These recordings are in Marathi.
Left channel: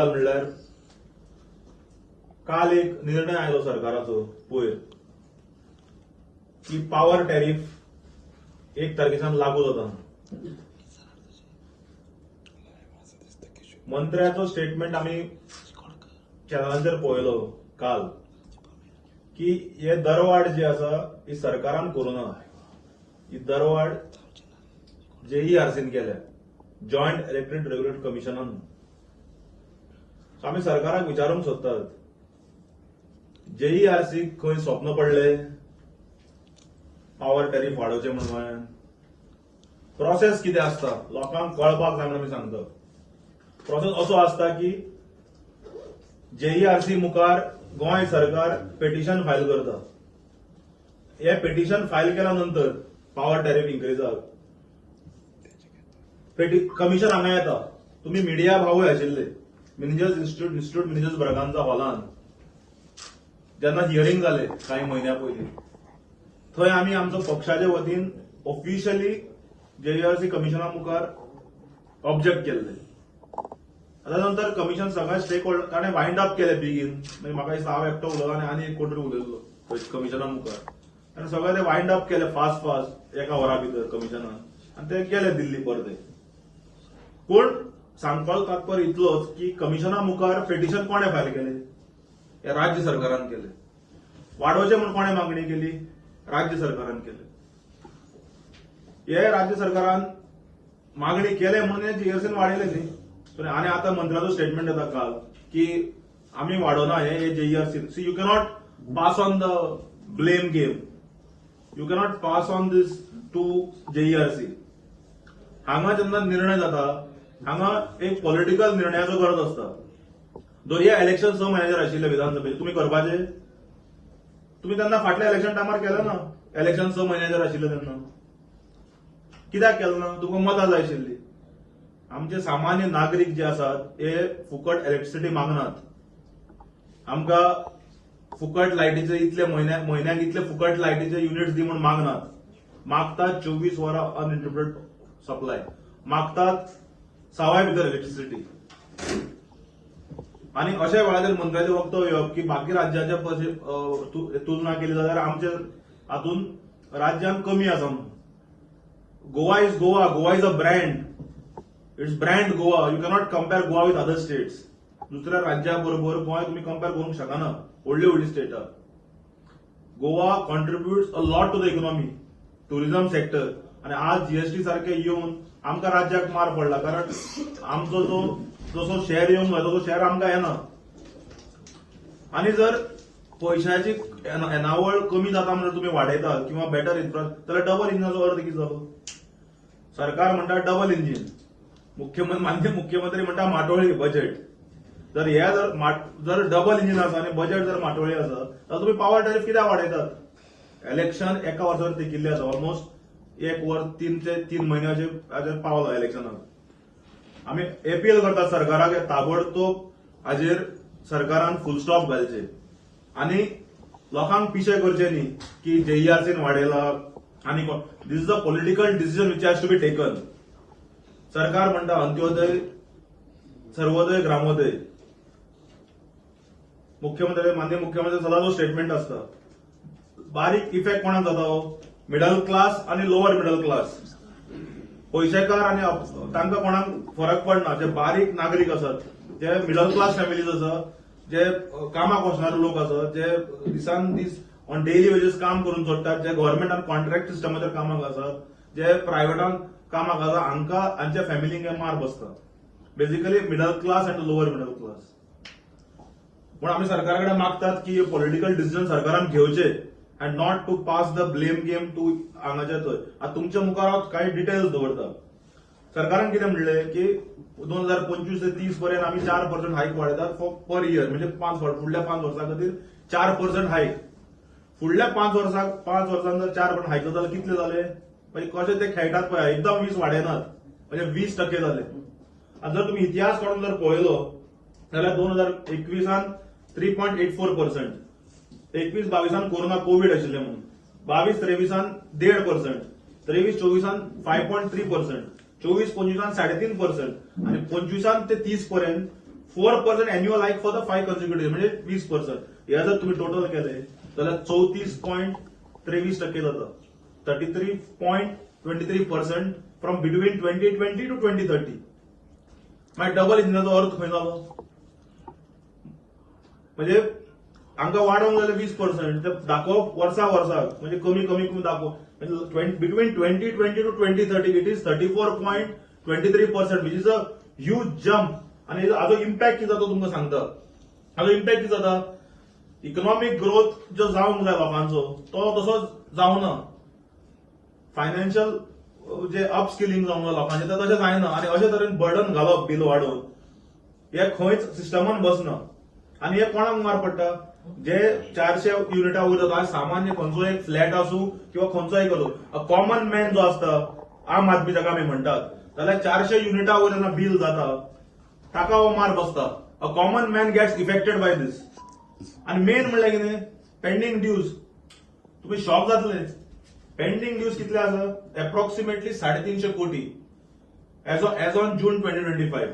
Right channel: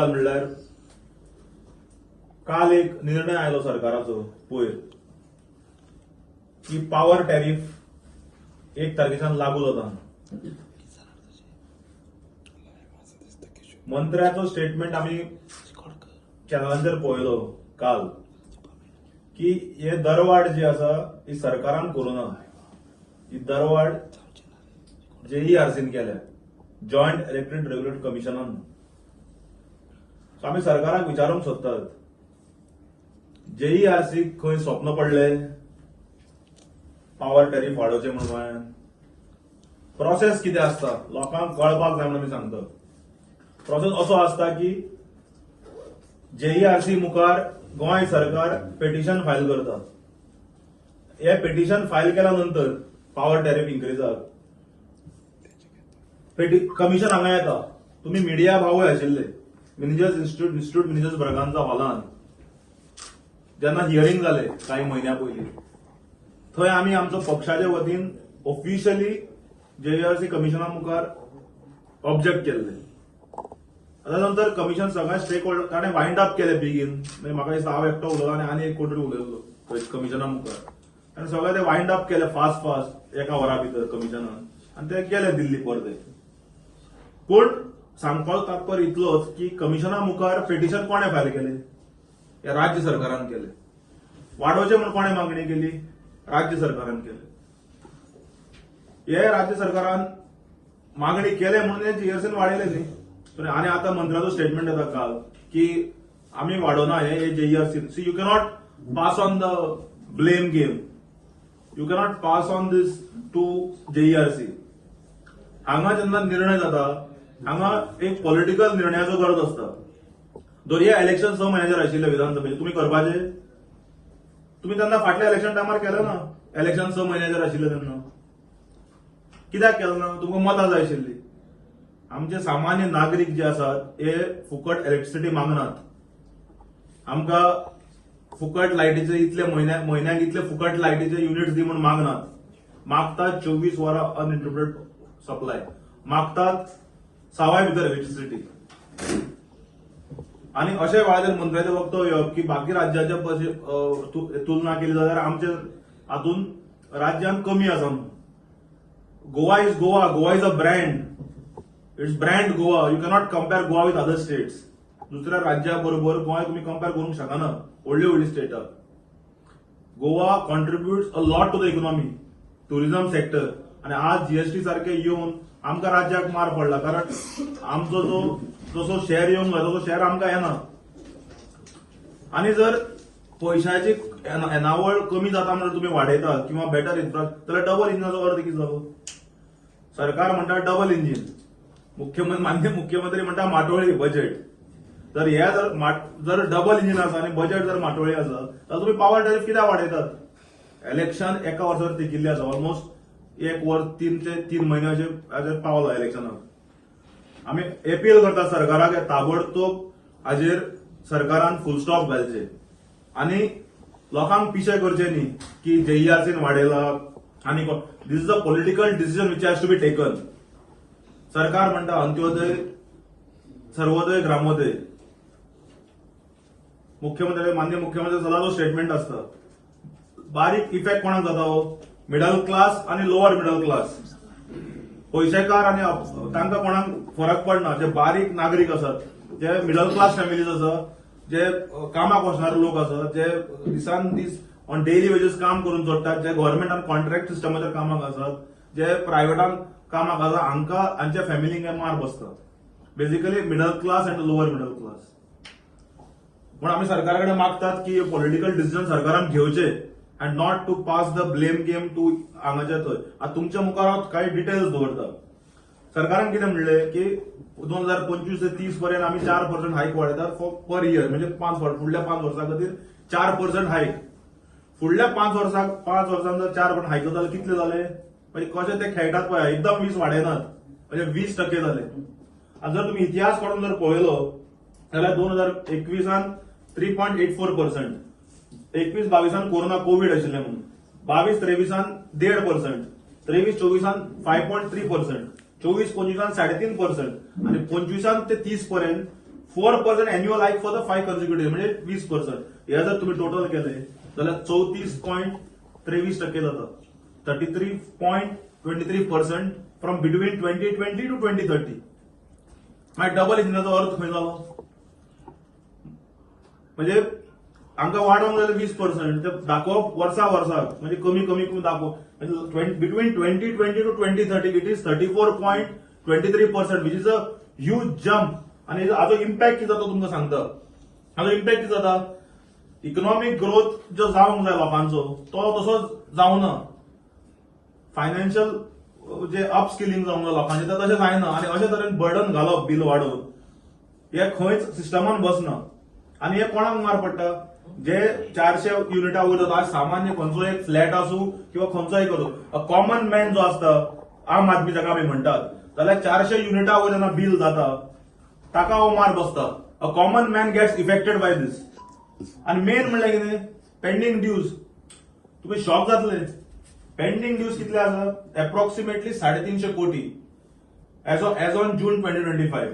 गजाल म्हणल्यार काल एक निर्णय आयलो सरकाराचो पयर की पॉवर टॅरिफ 1 तारखेच्यान लागू जाता. मंत्र्याचो स्टेटमेंट आम्ही चॅनलांचेर पळयलो काल की हे दरवाड जी आसा ही सरकारान करूना. ही दरवाड JERCन केल्या, जॉयंट इलेक्ट्रिक रेग्युलेटरी कमिशनान. सो आम्ही सरकाराक विचारूंक सोदतात, JERC खंय स्वप्न पडले पॉवर टॅरिफ वाडोवचे म्हणून? प्रोसेस कितें आसता लोकांक कळपाक जाय म्हणून आमी सांगतात. प्रोसेस असो आसता की JERC मुखार गोंय सरकार पिटिशन फायल करता. हे पिटिशन फायल केल्या नंतर पॉवर टॅरिफ इन्क्रीजाक कमिशन हांगा येता. तुम्ही मिडिया भावूय आशिल्ले मिनिजर्स इन्स्टिट्यूट मिनिजर्स ब्रगांचा हॉलान जेन्ना हियरिंग जाले काही महिन्या पयलीं, थंय आमी आमचो पक्षाच्या वतीन ऑफिशियली JERC कमिशना मुखार ऑब्जेक्ट केल्ले. ताच्या कमिशन सगळ्या स्टेक होल्डर ताणें वाइंड अप केले बेगीन. म्हाका दिसता हांव एकटो उलयलो आनी एक कोण तरी उलयलो कमिशना मुखार, आनी सगळे ते वाइंड अप केले फास्ट एका वरा भितर कमिशनान, आनी ते गेले दिल्ली परते. पूण सांगपाचो तात्पर्य इतलोच की कमिशना मुखार पिटिशन कोणे फायल केले? हे राज्य सरकारान केले. वाडोवचे म्हणून कोणे मागणी केली? राज्य सरकारान केले. हे राज्य सरकारान मागणी केले म्हणून हे JERCन वाडयले न्ही. आनी आता मंत्र्याचो स्टेटमेंट येता काल की आम्ही वाडोना हे JERC. See you cannot pass on the blame game. You cannot pass on this to JERC. हांगा जेन्ना निर्णय जाता हांगा एक पॉलिटिकल निर्णयाचो गरज आसता. जर हे इलेक्शन 6 म्हयन्याचेर आशिल्ले विधानसभेचे, तुम्ही करपाचे? तुम्ही त्यांना फाटल्या इलेक्शन टायमार केले ना. इलेक्शन 6 म्हयन्याचेर आशिल्ले तेन्ना कित्याक केलें ना? तुमकां मतां जाय आशिल्ली. आमचे सामान्य नागरीक जे आसात हे फुकट इलेक्ट्रिसिटी मागनात. आमकां फुकट लायटीचे इतले म्हयन्याक इतले फुकट लायटीचे युनिट्स दी म्हणून मागनात. मागतात 24 वरां अनइंटरप्टेड सप्लाय, मागतात सवाय भितर इलेक्ट्रिसिटी. आणि अशें वेळाचेर मंत्र्याचें वक्तव्य की बाकी राज्याच्या तुलना केली जाल्यार आमचे हातून राज्यान कमी आसा म्हणून. Goa is Goa. Goa is a brand. It's brand Goa. You cannot compare Goa with other states. दुसऱ्या राज्याबरोबर गोवा तुम्ही कम्पेअर करूंक शकना. व्हडली स्टेटां. Goa contributes a lot to the economy, tourism sector. आणि आज GST सारखे येऊन आमकां राज्याक मार पडला, कारण आमचो जसो शेअर येवंक जाय तसो शेअर आमकां येना. आणि जर पैशाची येणावळ कमी जाता म्हणजे तुम्ही वाडयतात किंवा बेटर इन्फ्रास्ट्रक्चर, जाल्यार डबल इंजिनाचो अर्थ कितें जालो? सरकार म्हणटा डबल इंजिन, मुख्यमंत्री म्हणटा माटोळी बजेट. जर हे जर डबल इंजिन आसा आणि बजेट जर माटोळी आसा जाल्यार तुम्ही पॉवर टॅरिफ कित्याक वाडयतात? इलेक्शन एका वर्सावर तेकिल्ले आसा. ऑलमोस्ट 1 वर्स 3 म्हयन्याचेर पावला इलेक्शनाक. आम्ही अपील करतात सरकाराक ताबडतोब हाजेर सरकारान फुल स्टॉप घालचे आणि लोकांक पिशे करचे न्ही की JERCन वाडयला आनी this is a political decision which has to be taken. सरकार म्हणटा अंत्योदय, सर्वोदय, ग्रामोदय. माननीय मुख्यमंत्री सदांचो स्टेटमेंट आसता. बारीक इफेक्ट कोणाक जाता हो? मिडल क्लास आणि लोअर मिडल क्लास. पैसेकार आणि तांकां कोणाक फरक पडना. जे बारीक नागरीक आसात, जे मिडल क्लास फॅमिलीज आसात, जे कामाक वचणारे लोक आसात, जे दिसान दीस ऑन डेली वेजीस काम करून जोडटात, जे गव्हर्नमेंट कॉन्ट्रॅक्ट सिस्टमाचेर कामाक आसात, जे प्रायव्हेटान कामाक आसात, हांकां हांच्या फॅमिलींक मार बसता. Basically middle class and lower middle class. पूण आमी सरकारा कडेन मागतात की पॉलिटिकल डिसिजन सरकारान घेवचे and not to pass the blame game to हांगाच्या थंय. आता तुमच्या मुखार हांव काही डिटेल्स दवरता. सरकारान कितें म्हणले की 2025 ते 30 पर्यंत आम्ही 4% हायक वाडयतात पर इयर. म्हणजे फुडल्या 5 वर्सां खातीर 4% हायक. फुडल्या 5 वर्सांत जर 4% हायक जाल्यार कितले जाले? म्हणजे कशे ते खेळटात पळय, एकदम 20 वाडयनात, म्हणजे 20% जाले. आनी जर तुम्ही इतिहास काडून जर पळयलो जाल्यार 2021 3.84%. 21-22 कोरोना कोविड आशिल्ले म्हणून. 22-23 1.5%. 23-24 5.3%. 24-25 3.5%. आणि 25 ते 30 पर्यंत 4% annual hike for the 5 consecutive म्हणजे 20%. हे जर तुम्ही टोटल केले जाल्यार 34.23% जाता. 33.23% फ्रॉम बिटवीन 2020 to 2030. मागीर डबल इंजिनाचो अर्थ खंय जालो? म्हणजे हांगा वाडोवंक जाल्यार 20% ते दाखोवप वर्सा म्हणजे कमी दाखोवप. Between 2020 to 2030 it is 34.23%, which is a huge jump. आणि हाजो इम्पॅक्ट कितें जाता तुमकां सांगता. हाजो इम्पॅक्ट कितें जाता? इकॉनॉमिक ग्रोथ जो जावंक जाय लोकांचो तो तसो जावना. फायनान्शियल जे अपस्किलिंग जावंक जाय लोकांचें तें तशें जायना. आनी अशे तरेन बर्डन घालप बील वाडोवन हे खंयच सिस्टमान बसना. आनी हे कोणाक मार पडटा? जे 400 युनिटां वयर जाता. आज सामान्य खंयचो एक फ्लॅट आसूं किंवा खंयचोय करूं, अ कॉमन मॅन जो आसता, आम आदमी जाका आमी म्हणटात, जाल्यार 400 युनिटां वयर जेन्ना बील जाता ताका हो मार बसता. A common man gets affected by this. आनी मेन म्हणल्यार कितें? Pending dues. तुम्ही शॉक जातले. पेंडिंग ड्यूज कितले आसा? अप्रॉक्सिमेटली 350 कोटी एज ऑन जून 2025.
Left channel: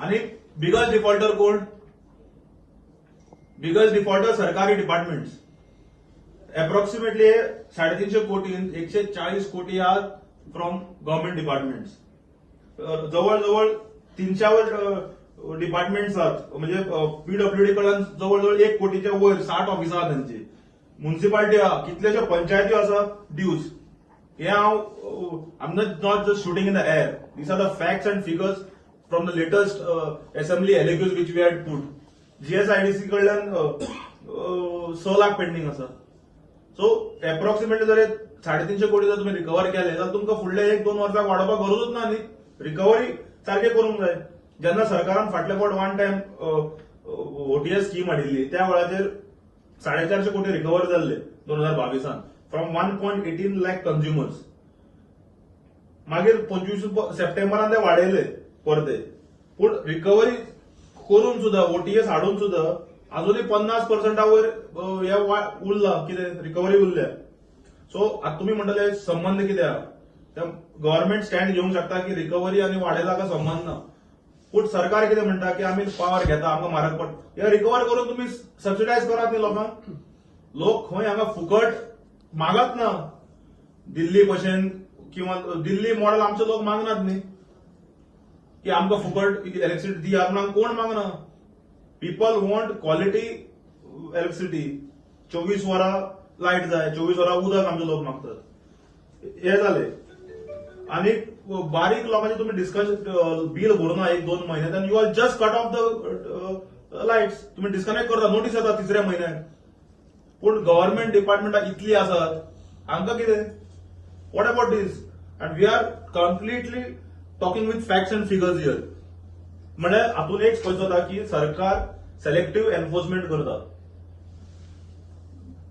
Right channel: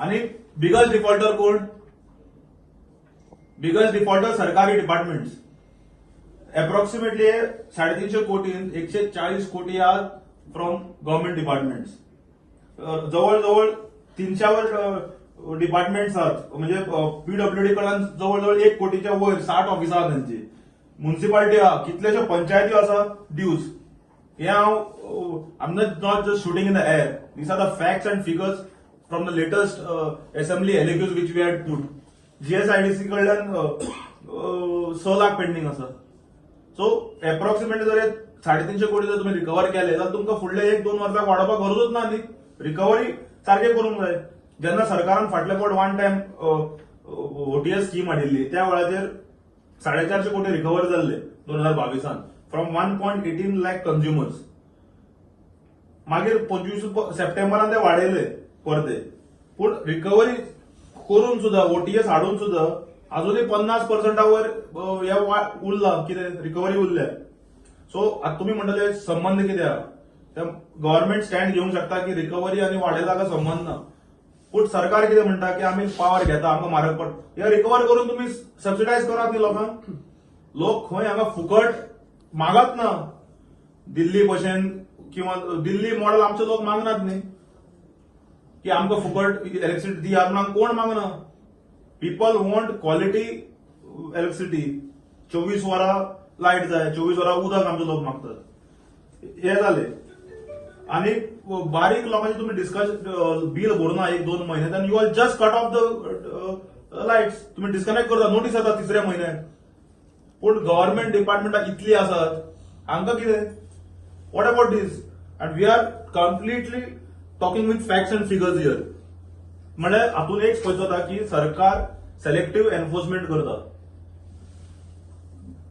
आणि बिगस्ट डिफॉल्टर कोण? बिगस्ट डिफॉल्टर सरकारी डिपार्टमेंट्स. अप्रॉक्सिमेटली 350 कोटी 140 कोटी आर फ्रॉम गव्हर्नमेंट डिपार्टमेंट्स. जवळजवळ 300 डिपार्टमेंट्स आहात. म्हणजे पीडब्ल्यूडी कडल्यान जवळजवळ 1 कोटीच्या वयर 60 ऑफिसां आहात त्यांची. म्युन्सिपालिटी आहा, कितलेशे पंचायती आसा ड्यूज. हे आम not just shooting in the air. These are the facts and figures from the latest assembly LAQs which we had put. GSIDC कडल्यान 6 लाख पेंडिंग आसा. सो अप्रॉक्सिमेटली जर 350 कोटी जर तुम्ही रिकवर केले जाल्यार तुमकां फुडले 1-2 वर्सां वाडोवपाक गरजूच ना न्ही. रिकवरी सारखे करूंक जाय. जेन्ना सरकारान फाटल्या फावट वन टायम ओटीएस स्कीम हाडिल्ली त्या वेळाचेर 450 कोटी रिकवर जाल्ले 2022 फ्रॉम 1.18 लाख कन्झ्युमर्स. मागीर 25 सप्टेंबरान ते वाडयले परते. पूण रिकवरी करून सुद्धा ओटीएस हाडून सुद्धा अजूनही 50% वयर उरला कितें रिकवरी उरल्या. सो आता तुम्ही म्हणटले संबंध कितें आहा? गव्हर्नमेंट स्टँड घेवंक शकता की रिकवरी आणि वाडयलाका संबंध ना. पूण सरकार कितें म्हणटा की आमी पावर घेता, आमकां म्हारग पडटा. हे रिकवर करून तुम्ही सबसिडायज करात न्ही लोकांक. लोक खंय हांगा फुकट मागत ना. दिल्ली भशेन किंवा दिल्ली मॉडेल आमचे लोक मागनात न्ही की आमकां फुकट इलेक्ट्रिसिटी दियात म्हणून कोण मागना. People want quality electricity. 24 वरां लायट जाय, 24 वरां उदक आमचे लोक मागतात. हे जाले. आणि बारीक लोकांचे तुम्ही डिस्कशन बिल भरना 1-2 महिने then you are just cut off the lights. तुम्ही डिस्कनेक्ट करता, नोटीस येता 3ऱ्या म्हयन्याक. पूण गव्हर्नमेंट डिपार्टमेंटां इतली आसात हांकां कितें? What about this? And we are completely talking with facts and figures here. म्हणजे हातून एक स्पष्ट जाता की सरकार सेलेक्टिव्ह एन्फोर्समेंट करता.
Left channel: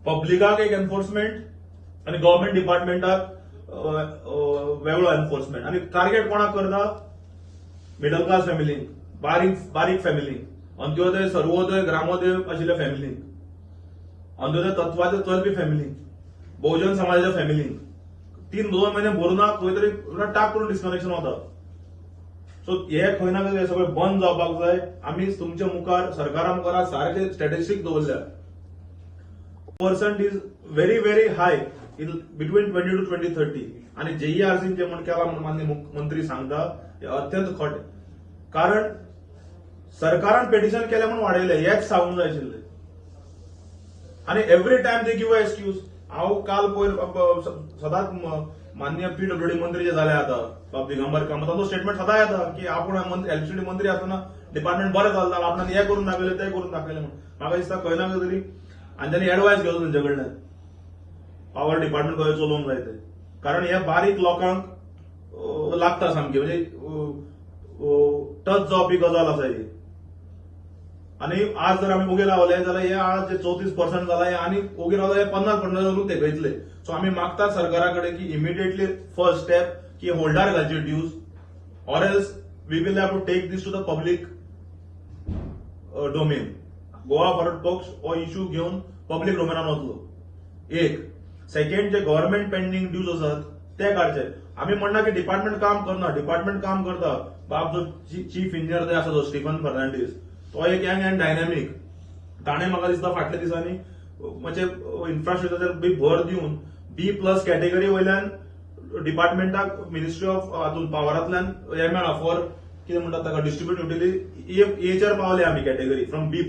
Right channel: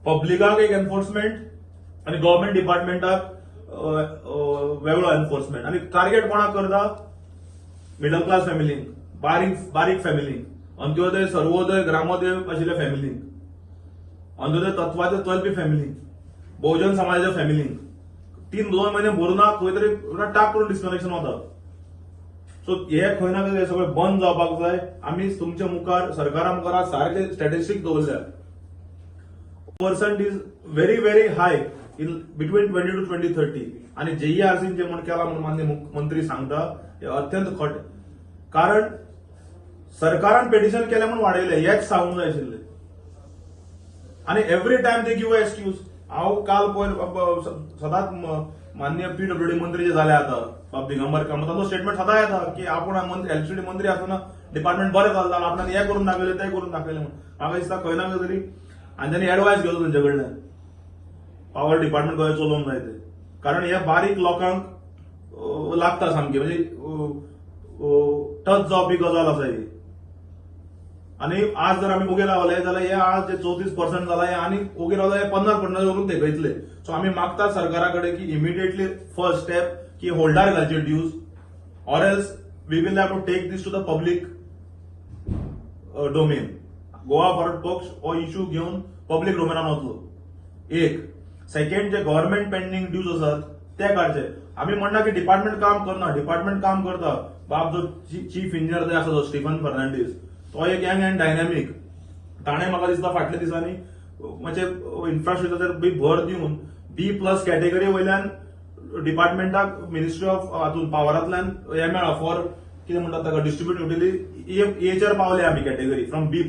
पब्लिकाक एक एन्फोर्समेंट आणि गव्हर्नमेंट डिपार्टमेंटाक वेगळो एन्फोर्समेंट. आणि टार्गेट कोणाक करता? मिडल क्लास फॅमिलींक, बारीक फॅमिलींक, अंत्योदय, सर्वोदय, ग्रामोदय आशिल्ल्या फॅमिलींक, अंत्योदय तत्वाचेर चलपी फॅमिलींक, बहुजन समाजाच्या फॅमिलींक 2 महिने भरूना खंय तरी टाक करून डिस्कनेक्शन वता. सो हे खंय ना खंय सगळें बंद जावपाक जाय. आमी तुमच्या मुखार सरकारा मुखार सारखे स्टॅटिस्टिक दवरल्या. Percent is very very high in between 20 to 2030. आणि जेईआरसीन जे म्हण केला म्हणून माननीय मुख्यमंत्री सांगता हे अत्यंत खट. कारण सरकारान पिटिशन केले म्हणून वाडयले हेच सांगूंक जाय आशिल्ले. आणि every time they give excuse. हांव काल पयर सदांच माननीय पीडब्ल्यूडी मंत्री जे जाले आता दिगंबर कामत तांचो स्टेटमेंट सदां येता की आपूण इलेक्ट्रिसिटी मंत्री आसतना डिपार्टमेंट बरें जाल्लो, आपण हे करून दाखयलें ते करून दाखयलें म्हणून. म्हाका दिसता खंय ना खंय तरी आनी तांणी एडवायस घेवचो तेंचे कडल्यान पॉवर डिपार्टमेंट कशें चलोवंक जाय ते. कारण हे बारीक लोकांक लागता सामकी. म्हणजे टच जावपी गजाल आसा ही. आणि आज जर आमी ओगे रावले जाल्यार हे आज जे 34% जाला हे आनी ओगे रावले 50% करून तेगयतले. सो आमी मागता सरकारा कडेन की इमिडिएटली फर्स्ट स्टेप की होल्डार घालचे dues, or else we will have to take this to the public domain. Goa forward पक्ष हो इश्यू घेवन पब्लीक डोमेनान वतलो. एक. सेकंड, जे गव्हर्नमेंट पेंडिंग ड्यूज आसात ते काडचे. आमी म्हणना की डिपार्टमेंट काम करना, डिपार्टमेंट काम करता. बाप जो चीफ इंजिनियर जे आसा तो स्टीफन फर्नांडीस तो एक यंग अँड डायनॅमिक. ताणें म्हाका दिसता फाटल्या दिसांनी म्हणजे इन्फ्रास्ट्रक्चर बी भर दिवन B+ कॅटेगरी वयल्यान डिपार्टमेंटाक मिनिस्ट्री ऑफ हातून पावरांतल्यान हे मेळ्ळा फॉर कितें म्हणटात ताका डिस्ट्रिब्यूट युटिलिटी एचर पावले आमी category from B+,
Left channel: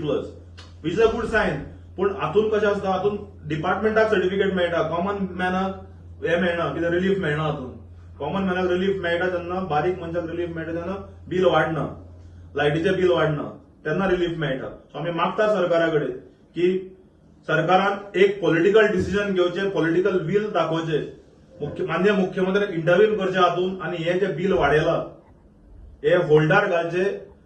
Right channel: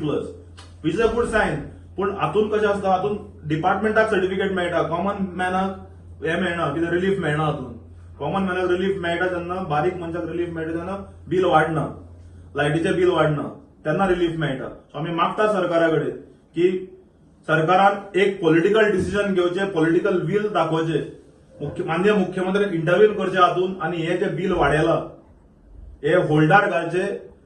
which is a good sign. पूण हातून कशें आसता, हातून डिपार्टमेंटाक सर्टिफिकेट मेळटा, कॉमन मॅनाक हे मेळना, कितें रिलीफ मेळना. हातून कॉमन मॅनाक रिलीफ मेळटा तेन्ना, बारीक मनशाक रिलीफ मेळटा तेन्ना बील वाडना, लायटीचें बील वाडना, तेन्ना रिलीफ मेळटा. सो आमी मागता सरकारा कडेन की सरकारान एक पॉलिटिकल डिसिजन घेवचें, पॉलिटिकल वील दाखोवचें, माननीय मुख्यमंत्र्याक इंटरव्यून करचें हातून, आनी हे जे बील वाडयलां हे होल्डार घालचे.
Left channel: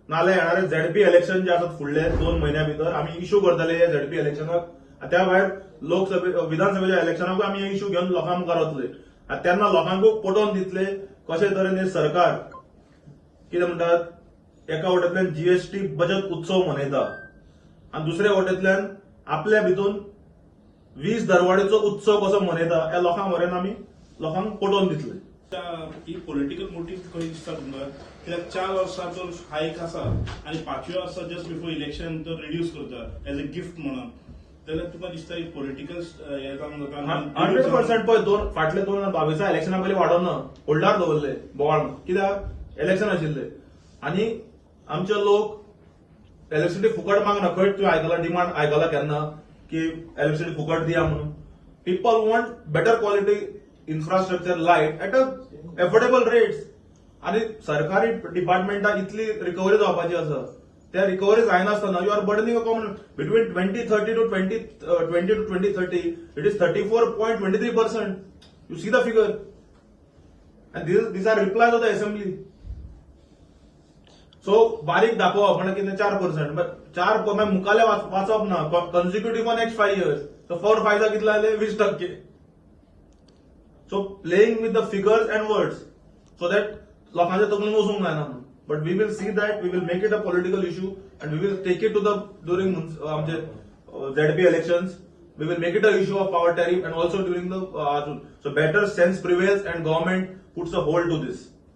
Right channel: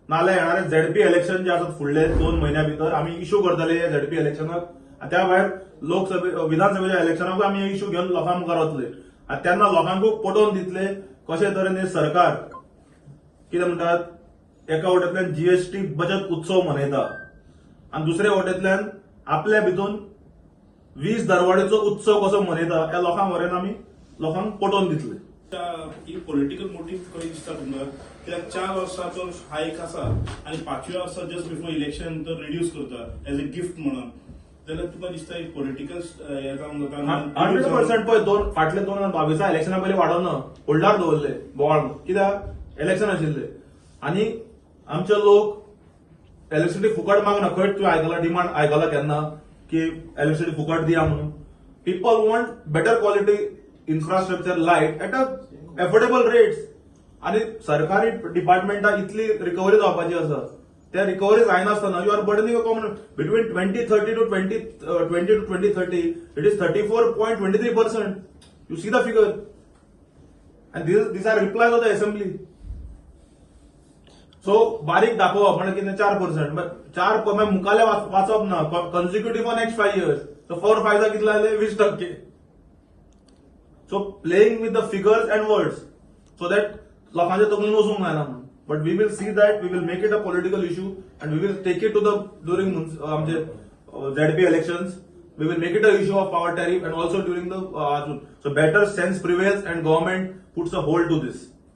नाल्यार येणारे झेडपी इलेक्शन जे आसात फुडले 2 म्हयन्या भितर आमी इश्यू करतले हे झेडपी इलेक्शनाक. त्या भायर विधानसभेच्या इलेक्शनाकूय आमी हे इश्यू घेवन लोकां मुखार वतले. आनी तेन्ना लोकांकूय पटोवन दितले कशे तरेन हे सरकार कितें म्हणटात, एका वटेंतल्यान जीएसटी बचत उत्सव मनयता आनी दुसऱ्या वटेंतल्यान आपल्या भितून 20 दरवाडीचो उत्सव कसो मनयता हे लोकांक व्हरेन आमी लोकांक पटोवन दितले. ही पॉलिटिकल मोटीव खंय दिसता तुमकां? कित्याक 4 वर्सांचो हायक आसा आनी 5व्या वर्सा जस्ट बिफोर इलेक्शन तो रिड्यूस करता एज अ गिफ्ट म्हणून, जाल्यार तुका दिसता एक पॉलिटिकल हे जावन 100% पळय. फाटले 2022 इलेक्शना पयलीं वाडोवना, होल्डार दवरले बोवाळ, कित्याक इलेक्शन आशिल्ले आनी आमचे लोक इलेक्ट्रिसिटी फुकट मागना. खंय तुवें आयकलां डिमांड आयकलां केन्ना की इलेक्ट्रिसिटी फुकट दिया म्हणून? People want better quality infrastructure light at a affordable rates. आनी सरकारी डिपार्टमेंटाक इतली रिकवरी जावपाची आसा, त्या रिकवरी जायनासतना you are burdening a common between 2030 to 2030 it is 34.23%. You see the figure and these are replies of the assembly. So बारीक दाखोवप म्हणजे कितें 4%, 4 मुखाले वाचप ना consecutive for next 5 years. So 4 5 जा कितले जाले? 20%. So playing with the figures and words so that लोकांच्या तकलेन वचूंक जायना म्हणून. But we will see that, we will make it a political issue and we will take it to the during आमचे ZP elections. We will make it an issue of power tariff and also during the so better sense prevails and government puts a hold to this.